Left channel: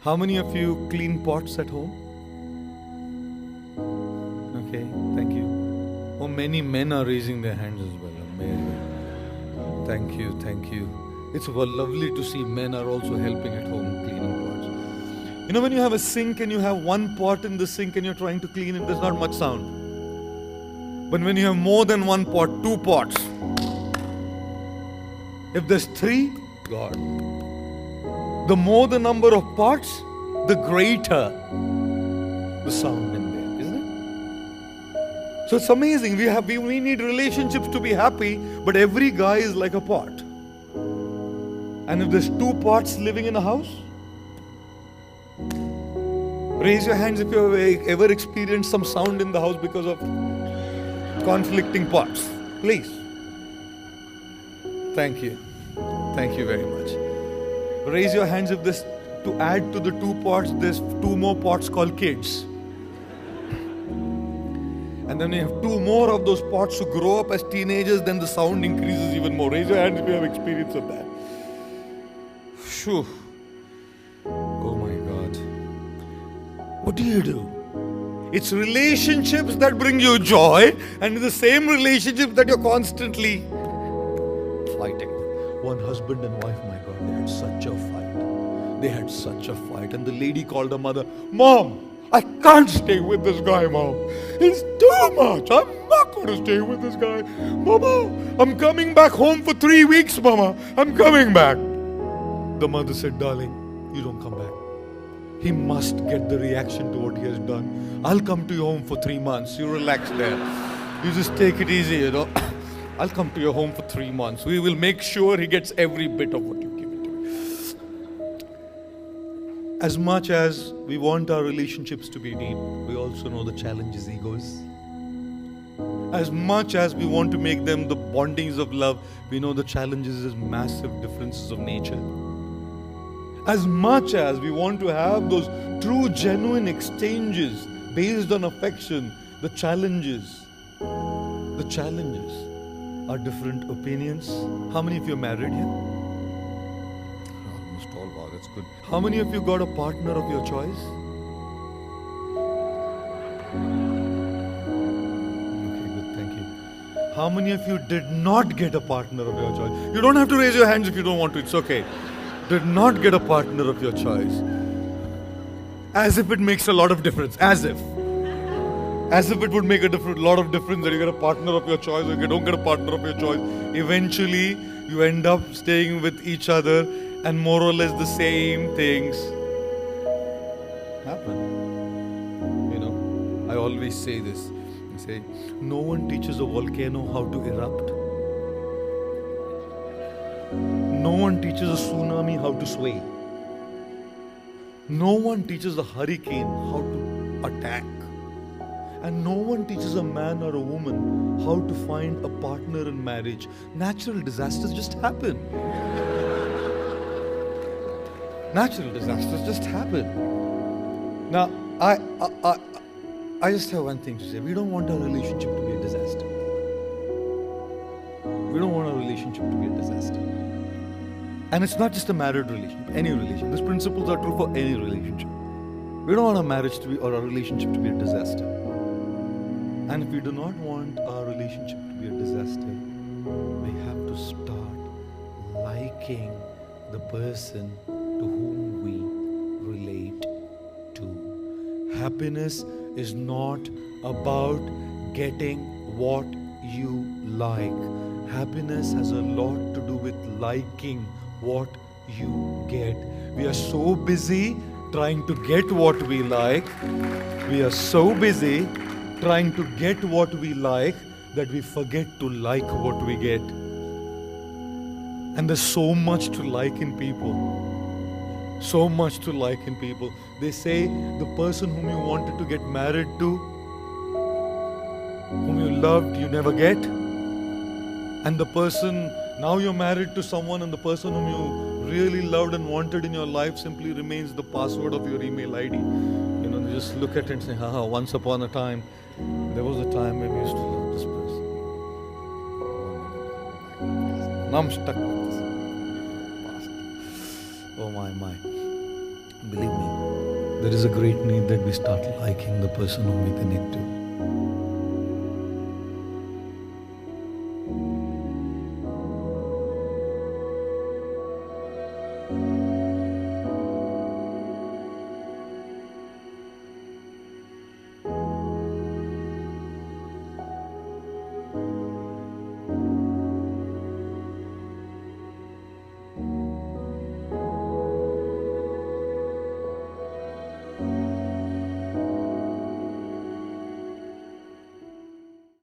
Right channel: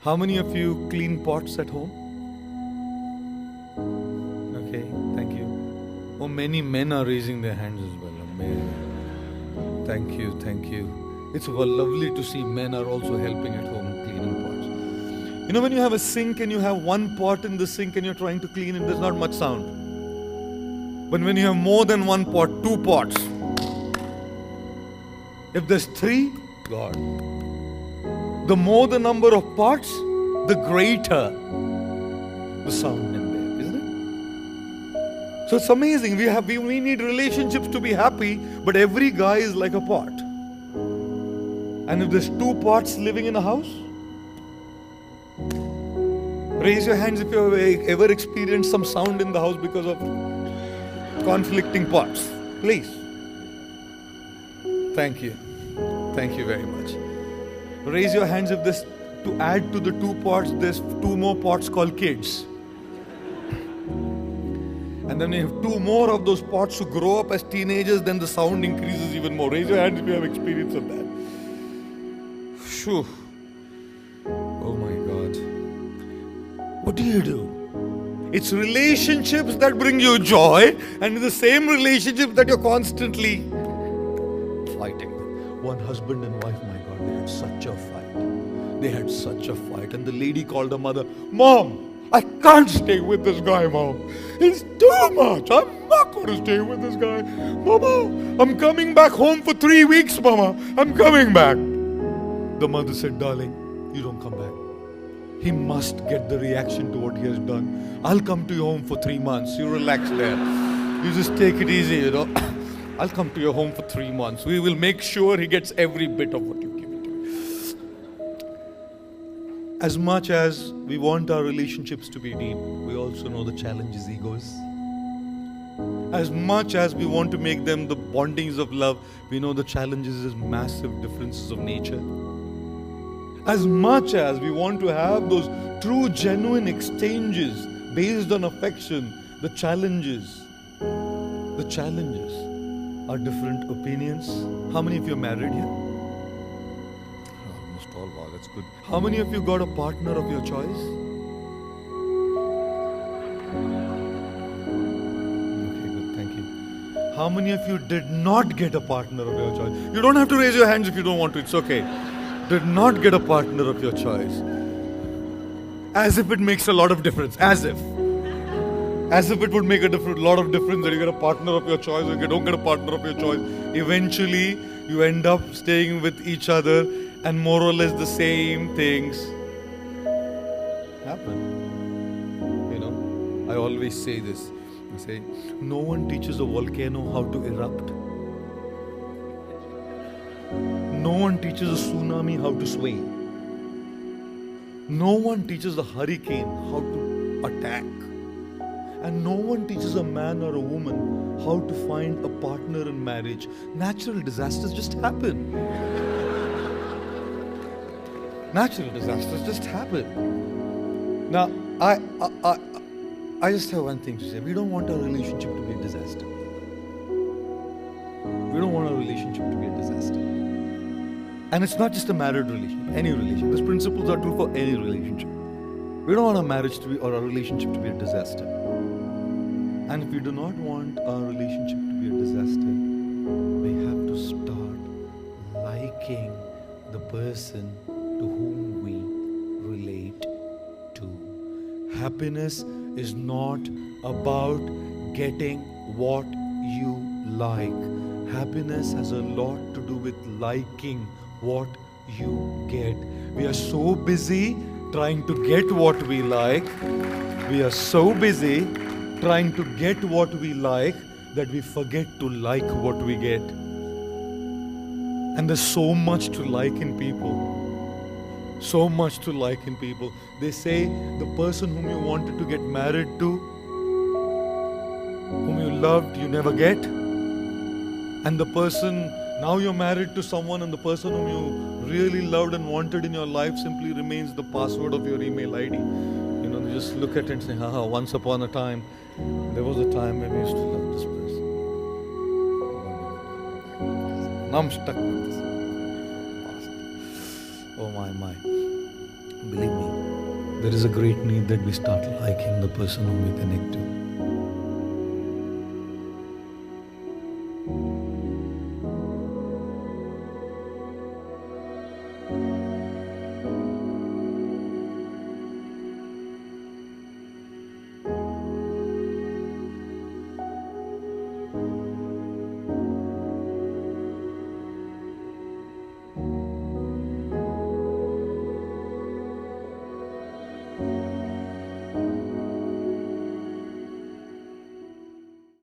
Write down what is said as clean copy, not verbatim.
How many of you clean pots at home? Okay, thank you. Oh, many men are raising their hands as well. Amazing. Thank you, thank you. It's lovely to see men are also helping at home cleaning pots. You know, when you have a sink and you have one pot in the sink and you're trying to clean it, there's not much sound. But when you have more than one pot, two pots, if there's three, God, the more the number of pots, the greater the sound in there, isn't it? So it's amazing. We need relationships to be happy, but every guy is like a pot. And if there's two pots living in a house, raise your hands if you've ever experienced some sound in the house because of conflicting pots. Please. Thank you. Thank you very much. Raise your hands if this, to add to the two pots, there's two more pots called kids. And then you have two more of those pots who grow up as teenagers, then the sound increases even more. Raise your hands if you have experience of that. Phew. Oh my God. What do you do? It's relationships that bring you joy, and the same relationships that you're constantly fighting with. One husband and wife, my God, they had such a fight. They had such a fight. And the lady called her mother, Mom, I can't stay with this guy, Mom. It's too much. I'm not going to stay with this guy. Mama, I'm coming back home for 3 weeks, Mama. I'm coming back. The mother said, darling, you don't come back. He must get the reaction to what he has done. I'll come to your home for 3 months. You relax there. You just take it easy, you know. I'll come to your home for 3 months. We will make sure he gets every bit of what you give it to him. As much as we want our relationships to be deep, we also know the challenge is egos. As much as we want to make them the bondings of love, we know the challenges is massive differences of nature. As much as we want to have those true, genuine exchanges based on affection, the challenges are different opinions. How many of you are married here? Almost all. Wow, that's good. How many of you got a partner of your choice? Okay, good. Thank you. How many of you did not get a partner of your choice? You don't have to raise your hands if you don't want to. It's okay. Did not get a partner of your choice. As if it makes a lot of difference. As if it would make a lot of difference that you get a partner of your choice or you don't get a partner of your choice. Eventually, you end up staying with each other and more or less the same things happen. You know, I always say this. I say, no one teaches a volcano how to erupt. No one teaches a tsunami how to sway. No one teaches a hurricane how to attack. And no one teaches a man or a woman how to find a partner in marriage. Natural disasters just happen. Natural disasters just happen. Now, I just have one thing to say. We don't want our relationship to be a disaster. We don't want our relationship to be a disaster. And it's not just a married relationship, any relationship. These principles are true for any relationship. We don't want our marriage to be or our relationship to be a disaster. And if we do not want our relationship to be a disaster, we have to start liking the person to whom we relate to. Happiness is not about getting what you like. Happiness has a lot to do with liking what you get. We are so busy trying to get what we like. We are so busy trying to get what we like that we forget to like what we get. And there's so much to like in people. So much to like in people. They say the person whom you wanted to get married to, whom you loved, you never get. And the person, now you're married to someone and the person whom you really loved and wanted in your life simply remains the password of your email ID. You know, they just look at it and say, haha, once upon a time, there was a time when we used to love this person. Now I'm stuck with this past. Oh my. Believe me, there is a great need that we start liking the person whom we connect to.